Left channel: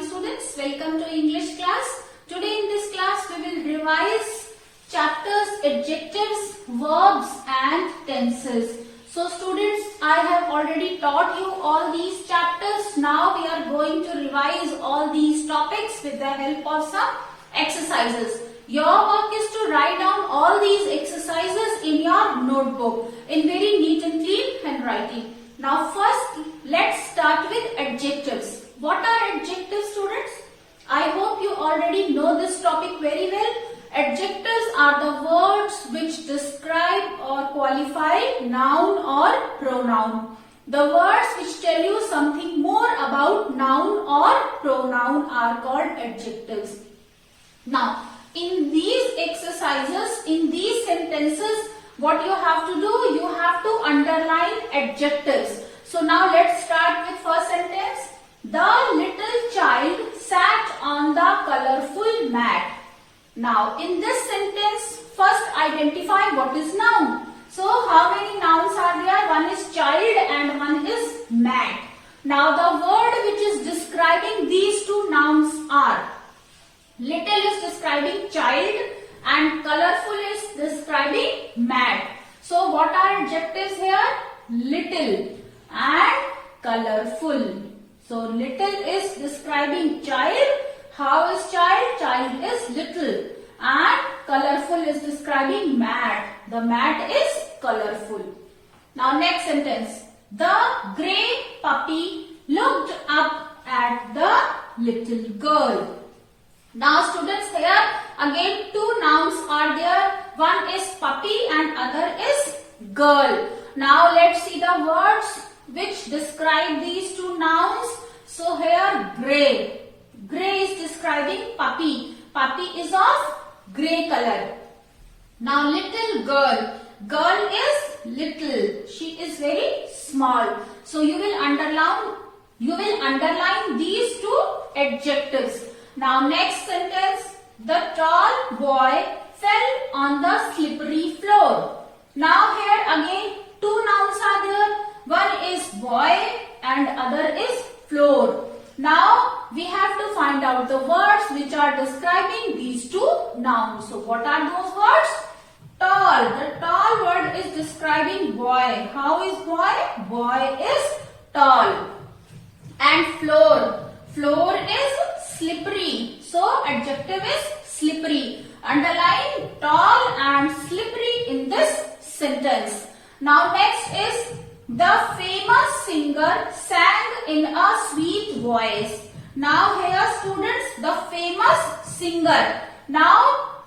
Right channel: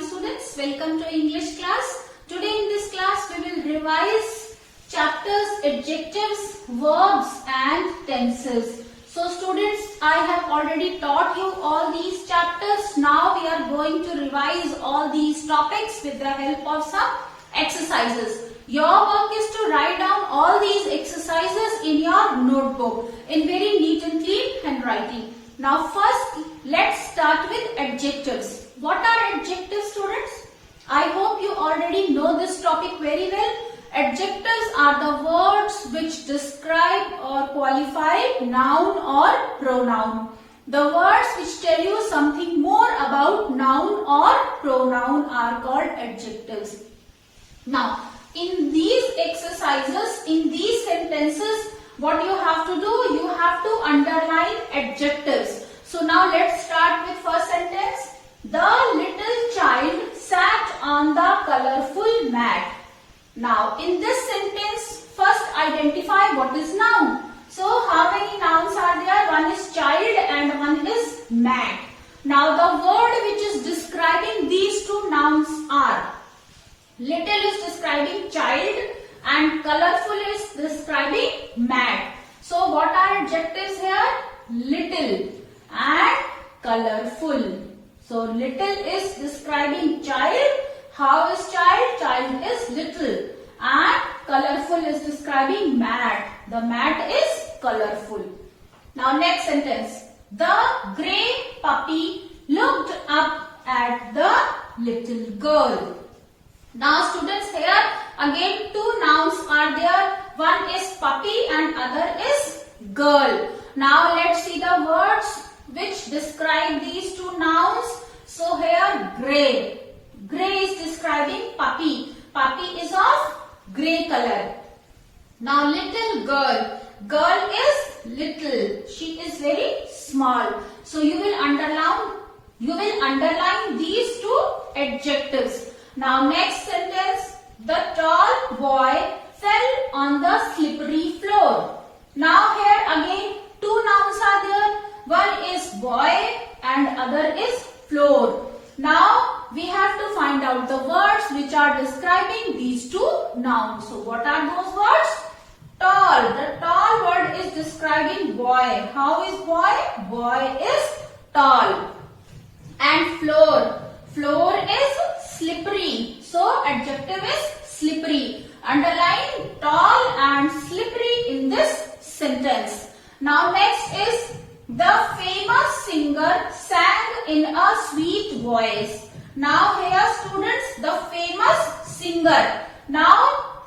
morning students. Welcome to English class. Today in this class we will revise chapters adjectives, verbs and tenses. So students, I have already taught you all these chapters. Now we are going to revise all these topics with the help of some exercises. Your work is to write down all these exercises in your notebook in very neat and clean handwriting. Now first, let's start with adjectives. What are adjectives, students? I hope you already know this topic very well. Adjectives are the words which describe or qualify noun or pronoun. The words which tell you something more about noun or pronoun are called adjectives. Now, in these exercises, in these sentences, what you have to do, you have to underline adjectives. So now let's start with first sentence. The little child sat on the colorful mat. Now in this sentence, first identify what is noun. So how many nouns are there? One is child and one is mat. Now the word which is describing these two nouns are little is describing child and colorful is describing mat. So what are adjectives here? Little and colorful. So little is describing child. How is child? Child is little. And colorful is describing mat. The mat is colorful. Now next sentence. The grey puppy looked up at the little girl. Now students, here again two nouns are there. One is puppy and other is girl. Now let's see the words which describe these two nouns. So here grey. Grey is describing puppy. Puppy is of grey color. Now little girl. Girl is little. She is very small. So you will underline these two adjectives. Now next sentence, the tall boy fell on the slippery floor. Now here again two nouns are there. One is boy and other is floor. Now we have to find out the words which are describing these two nouns. So what are those words? Tall. The tall word is describing boy. How is boy? Boy is tall. And floor. Floor is slippery. So adjective is slippery. Underline tall and slippery in this sentence. Now next is the famous singer sang in a sweet voice. Now here students, the famous singer. Now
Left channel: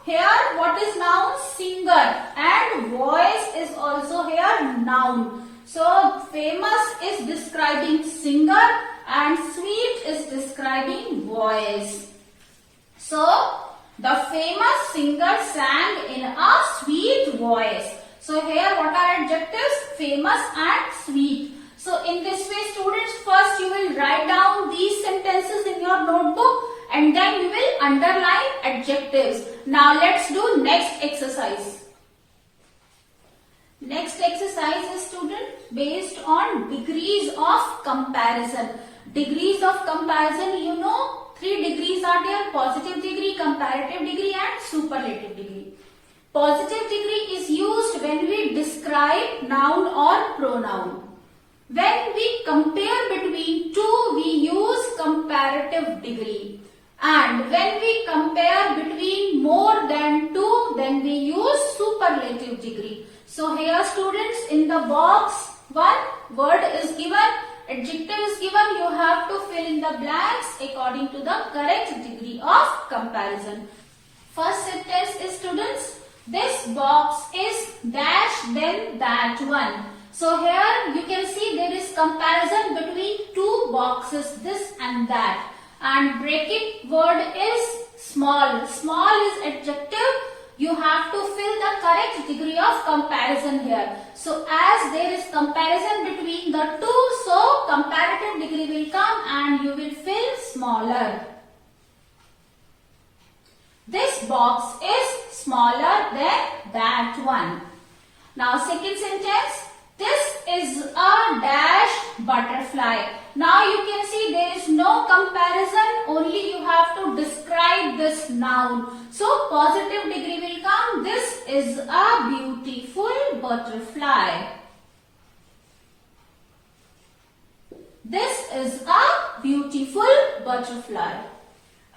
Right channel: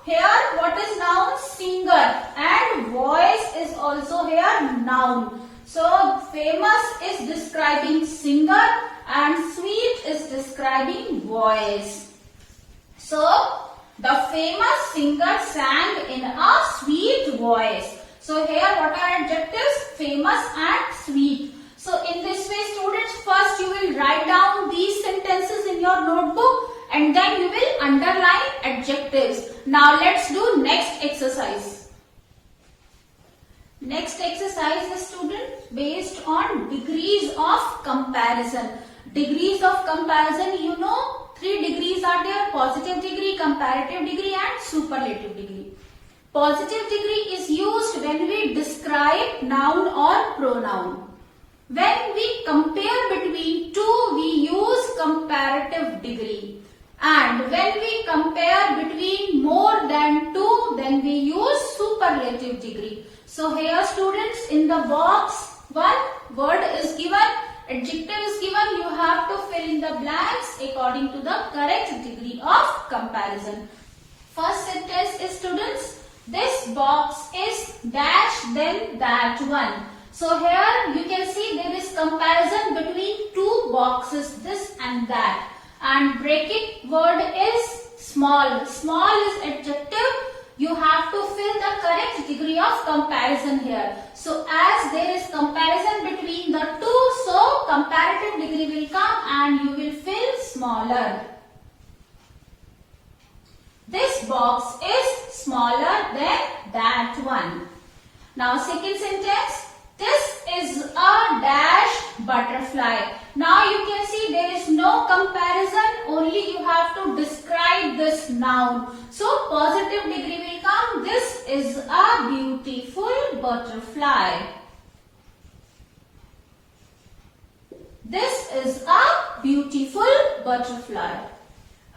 here what is noun? Singer. And voice is also here noun. So famous is describing singer and sweet is describing voice. So the famous singer sang in a sweet voice. So here what are adjectives? Famous and sweet. So in this way students, first you will write down these sentences in your notebook and then you will underline adjectives. Now let's do next exercise. Next exercise is student based on degrees of comparison. Degrees of comparison, you know, 3 degrees are there: positive degree, comparative degree and superlative degree. Positive degree is used when we describe noun or pronoun. When we compare between two, we use comparative degree. And when we compare between more than two, then we use superlative degree. So here students, in the box, one word is given, adjective is given. You have to fill in the blanks according to the correct degree of comparison. First sentence is students, this box is dash then that one. So here you can see there is comparison between two boxes, this and that. And bracket word is small. Small is adjective. You have to fill the correct degree of comparison here. So as there is comparison between the two, so comparative degree will come and you will fill smaller. This box is smaller than that one. Now second sentence, this is a dash butterfly. Now you can see there is no comparison, only write this noun. So positive degree will come. This is a beautiful butterfly. This is a beautiful butterfly.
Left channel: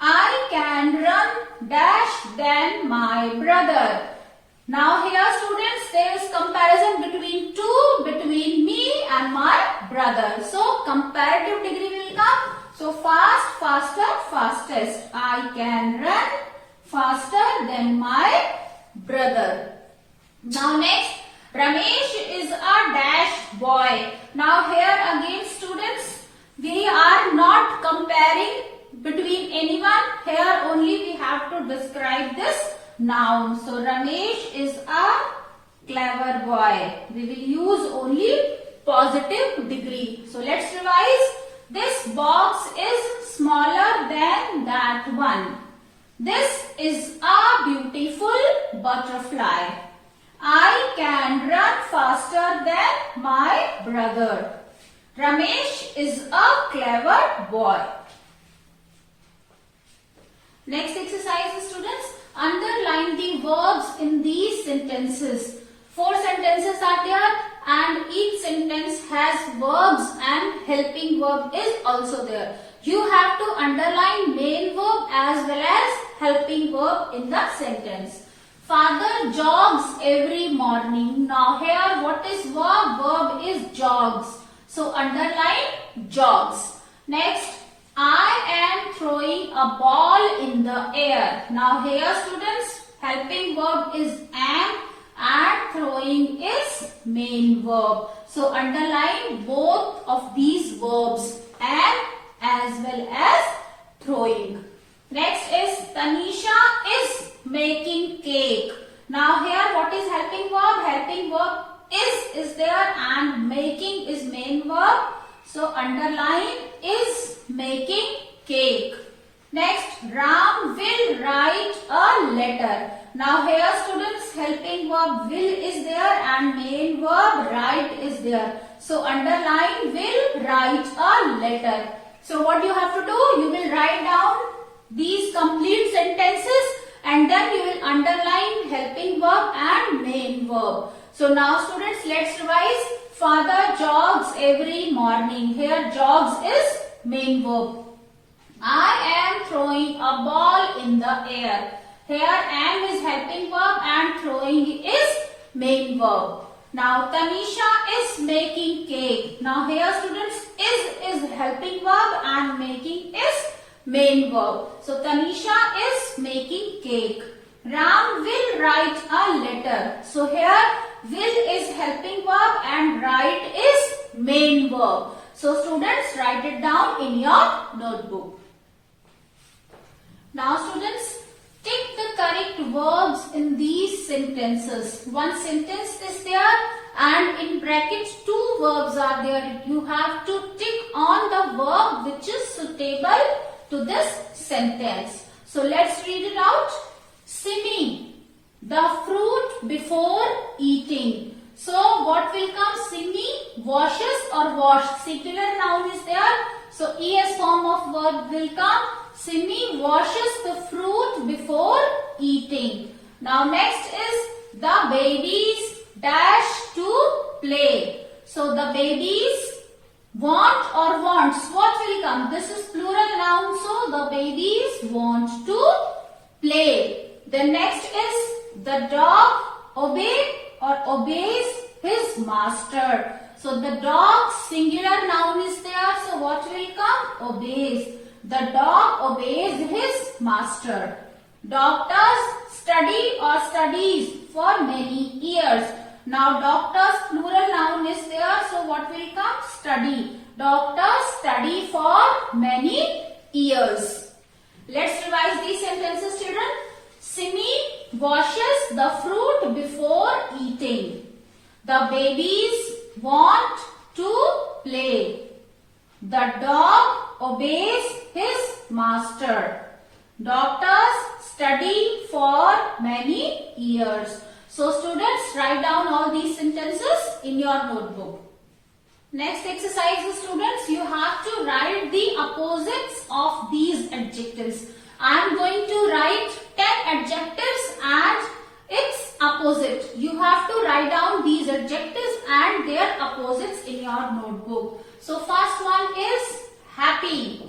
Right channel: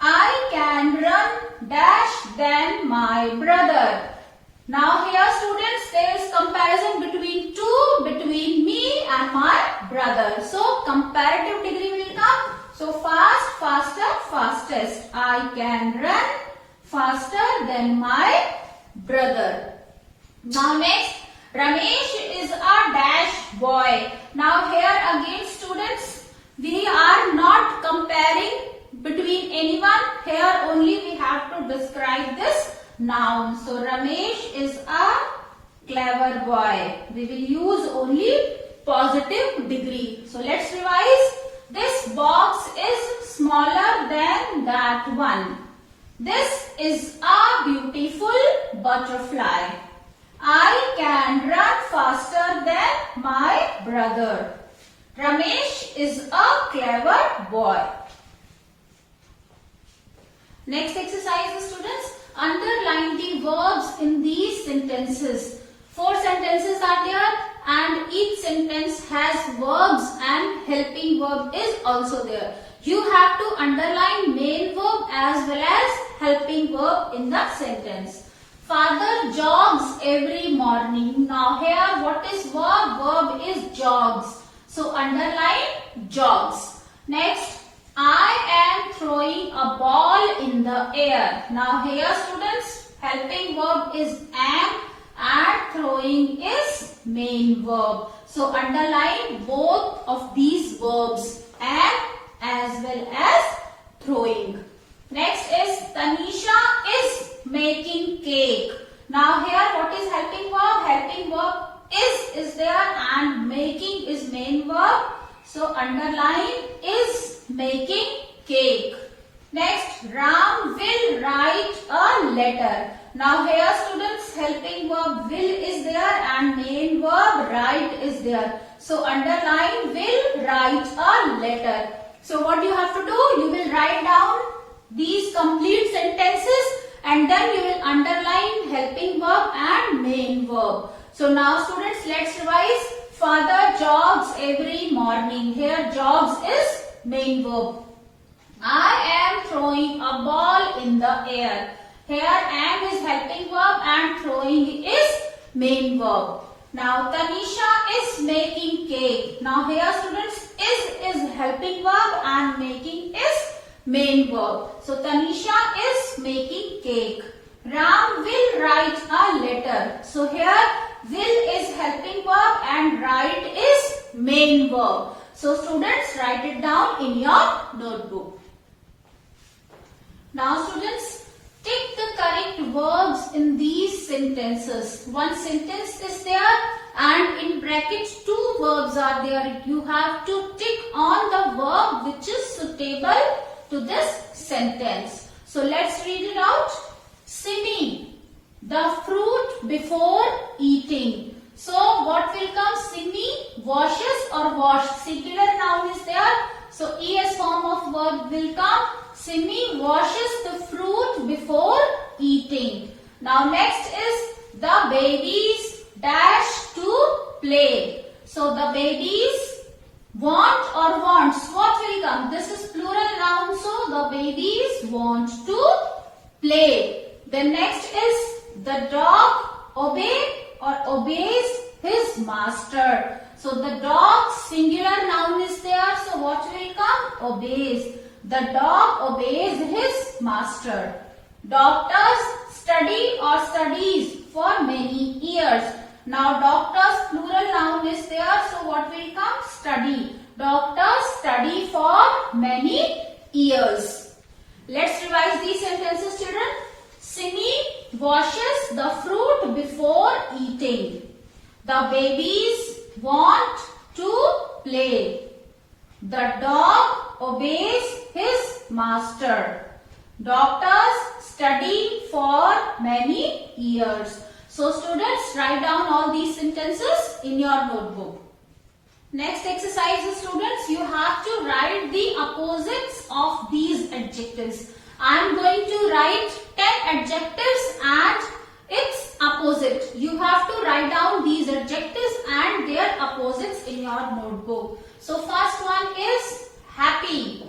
I can run dash than my brother. Now here students, there is comparison between me and my brother. So comparative degree will come. So fast, faster, fastest. I can run faster than my brother. Now next, Ramesh is a dash boy. Now here again students, we are not comparing between anyone. Here only we have to describe this noun. So Ramesh is a clever boy. We will use only positive degree. So let's revise. This box is smaller than that one. This is a beautiful butterfly. I can run faster than my brother. Ramesh is a clever boy. Next exercise, students. Underline the verbs in these sentences. 4 sentences are there and each sentence has verbs and helping verb is also there. You have to underline main verb as well as helping verb in the sentence. Father jogs every morning. Now here what is verb? Verb is jogs. So underline jogs. Next, I am throwing a ball in the air. Now here students, helping verb is am and throwing is main verb. So underline both of these verbs, am as well as throwing. Next is Tanisha is making cake. Now here what is helping verb? Helping verb is there and making is main verb. So underline is making cake. Next, Ram will write a letter. Now here students, helping verb will is there and main verb write is there. So underline will write a letter. So what you have to do? You will write down these complete sentences and then you will underline helping verb and main verb. So now students, let's revise. Father jogs every morning. Here jogs is main verb. I am throwing a ball in the air. Here am is helping verb and throwing is main verb. Now Tanisha is making cake. Now here students, is helping verb and making is main verb. So Tanisha is making cake. Ram will write a letter. So here will is helping verb and write is main verb. So students, write it down in your notebook. Now students, tick the correct verbs in these sentences. One sentence is there and in brackets 2 verbs are there. You have to tick on the verb which is suitable to this sentence. So let's read it out. Simi, the fruit before eating. So what will come? Simi washes or washed. Singular noun is there. So es form of verb will come. Simi washes the fruit before eating. Now next is the babies dash to play. So the babies want or wants. What will come? This is plural noun. So the babies want to play. The next is the dog obey or obeys his master. So the dog singular noun is there. So what will come? Obeys. The dog obeys his master. Doctors study or studies for many years. Now doctors plural noun is there. So what will come? Study. Doctors study for many years. Let's revise these sentences, children. Simi washes the fruit before eating. The babies want to play. The dog obeys his master. Doctors study for many years. So students, write down all these sentences in your notebook. Next exercise, students, you have to write the opposites of these adjectives. I am going to write 10 adjectives and its opposite. You have to write down these adjectives and their opposites in your notebook. So first one is happy.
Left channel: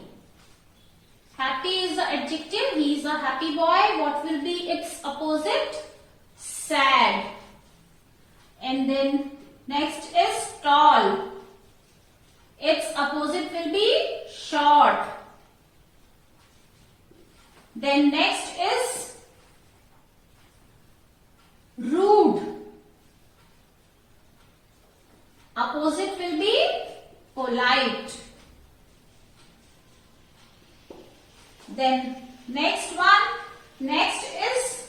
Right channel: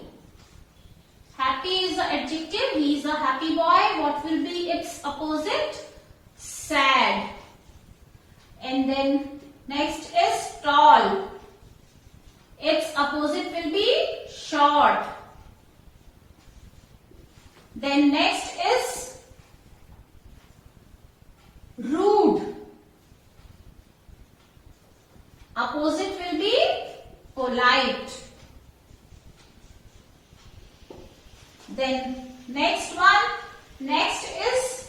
Happy is the adjective. He is a happy boy. What will be its opposite? Sad. And then next is tall. Its opposite will be short. Then next is rude. Opposite will be polite. Then next is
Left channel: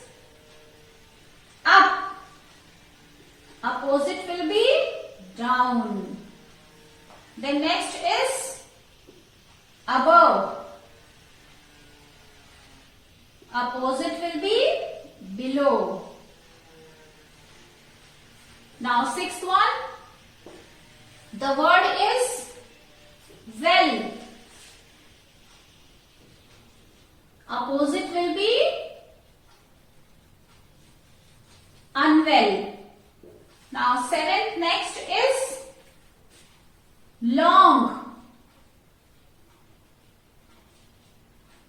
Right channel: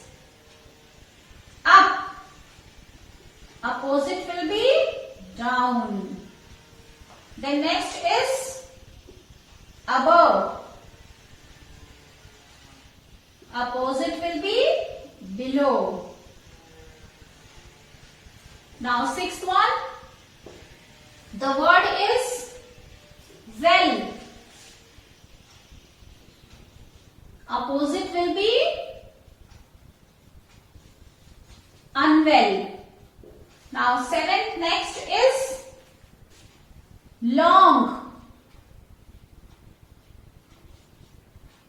up. Opposite will be down. Then next is above. Opposite will be below. Now sixth one. The word is well. Opposite will be unwell. Now seventh next is long.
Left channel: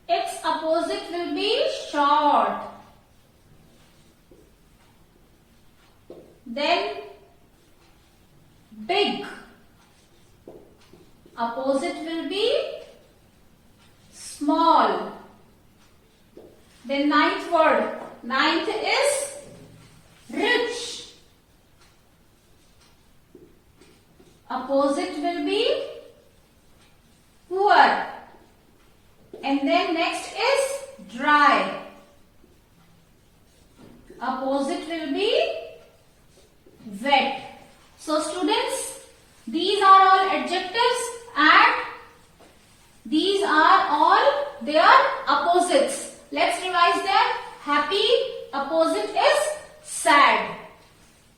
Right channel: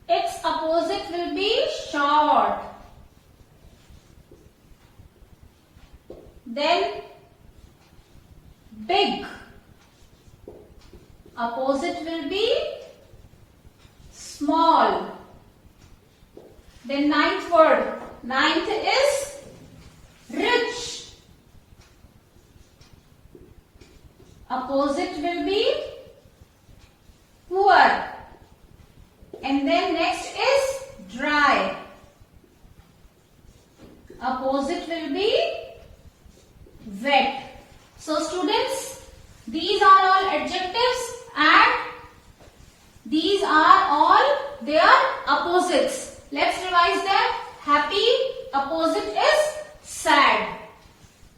Its opposite will be short. Then big. Opposite will be small. Then ninth word. Ninth is rich. Opposite will be poor. And then next is dry. Opposite will be wet. So students, these are all adjectives and these are all their opposites. Let's revise them. Happy, opposite is sad.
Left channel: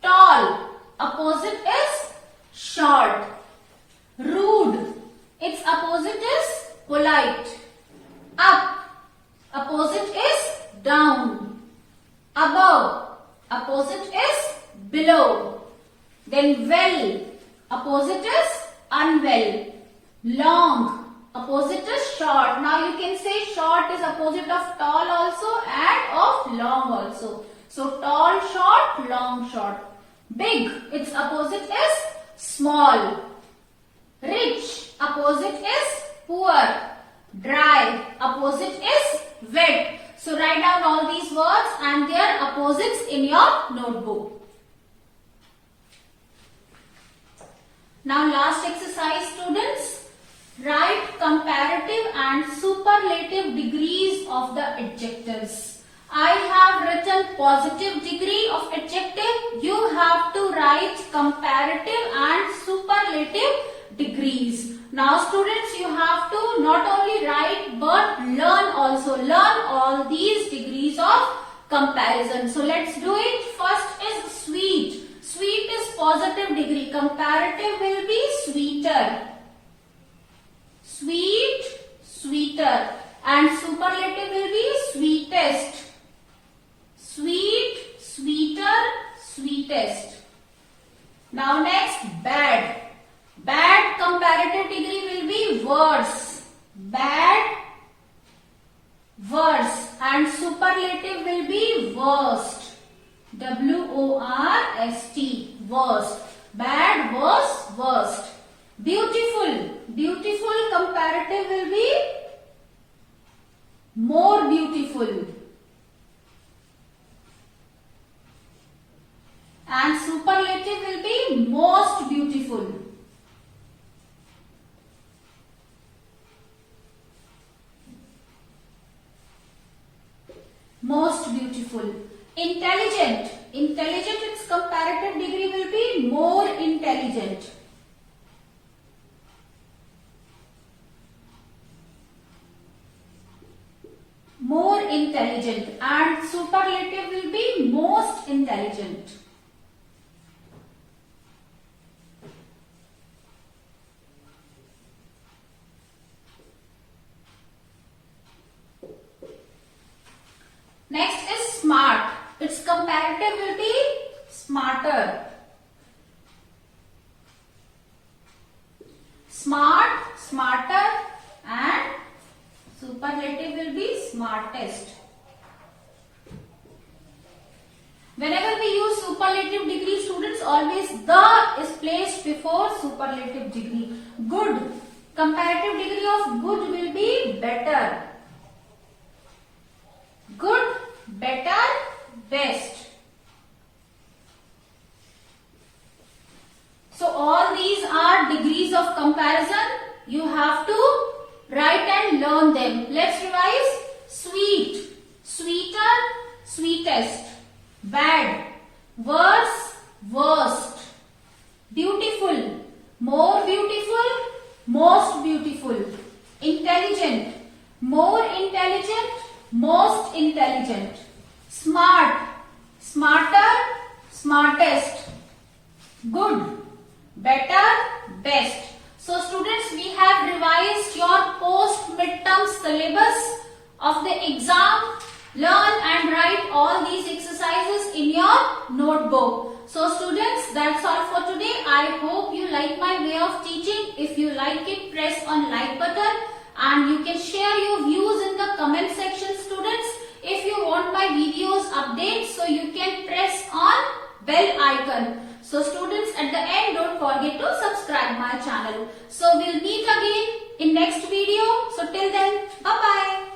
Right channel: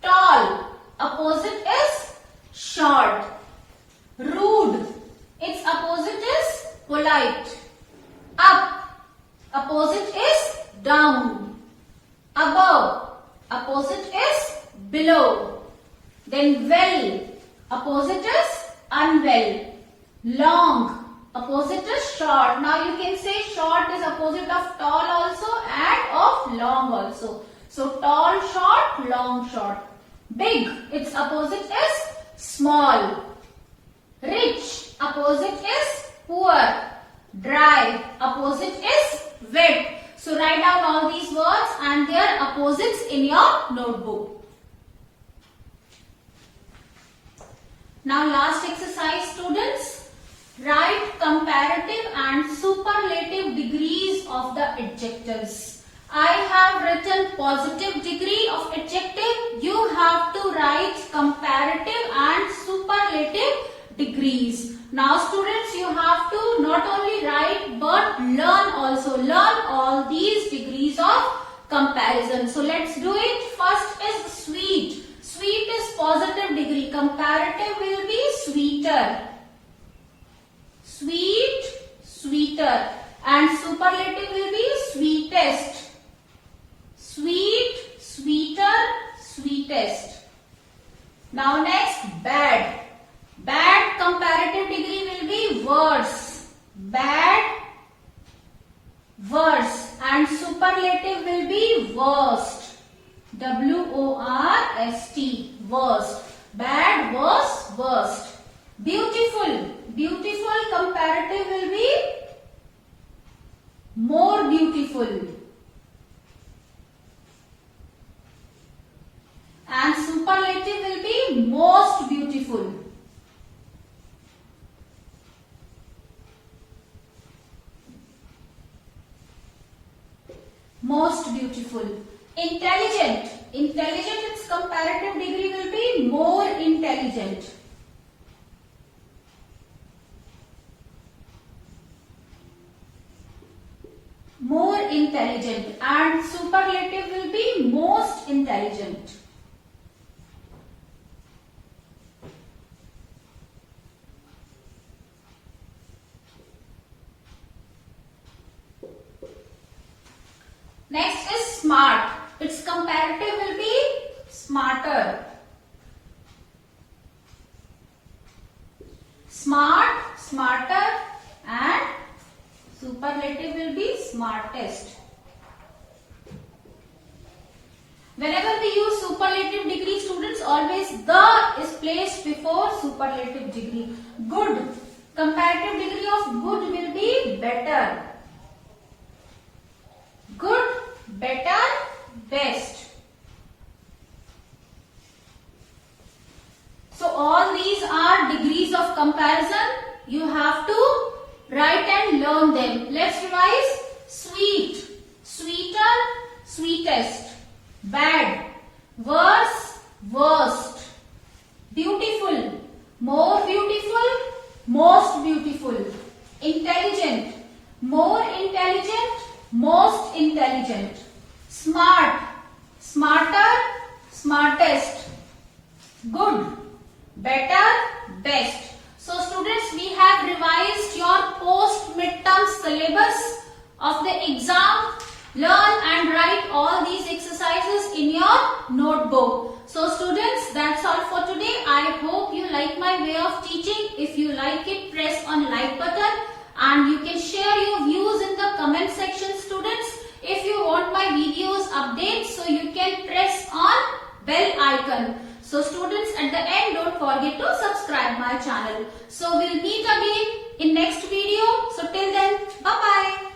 Tall, opposite is short. Rude, its opposite is polite. Up, opposite is down. Above, opposite is below. Then well, opposite is unwell. Long, opposite is short. Now you can say short is opposite of tall also and of long also. So tall, short, long, short. Big, its opposite is small. Rich, opposite is poor. Dry, opposite is wet. So write down all these words and their opposites in your notebook. Now last exercise students. Write comparative and superlative degrees of the adjectives. I have written positive degree of adjective. You have to write comparative and superlative degrees. Now students, you have to not only write but learn also. Learn all these degrees of comparison. So let's do it. First is sweet. Sweet is positive degree. Comparative will be sweeter. Sweet, sweeter. And superlative will be sweetest. Sweet, sweeter, sweetest. Now next, bad. Bad comparative degree will be worse. Bad, worse. And superlative will be worst. W-O-R-S-T. Worst. Bad, worse, worst. Beautiful. Beautiful comparative will be more beautiful. And superlative will be most beautiful. Most beautiful. Intelligent. Intelligent, its comparative degree will be more intelligent. More intelligent. And superlative will be most intelligent. comparative will be smarter. Smart, smarter, and superlative will be smartest. Whenever we use superlative degree, students, always the is placed before superlative degree. Good. Comparative degree of good will be better. Good, better, best. So all these are degrees of comparison. You have to write and learn them. Let's revise. Sweet, sweeter, sweetest. Bad, worse, worst. Beautiful, more beautiful, most beautiful. Intelligent, more intelligent, most intelligent. Smart, smarter, smartest. Good, better, best. So students, we have revised your post midterm syllabus of the exam. Learn and write all these exercises in your notebook. So students, that's all for today. I hope you like my way of teaching. If you like it, press on like button, and you can share your views in the comment section, students. If you want my videos updates, so you can press on bell icon. So students, at the end, don't forget to subscribe my channel. So we'll meet again in next video. So till then, bye bye.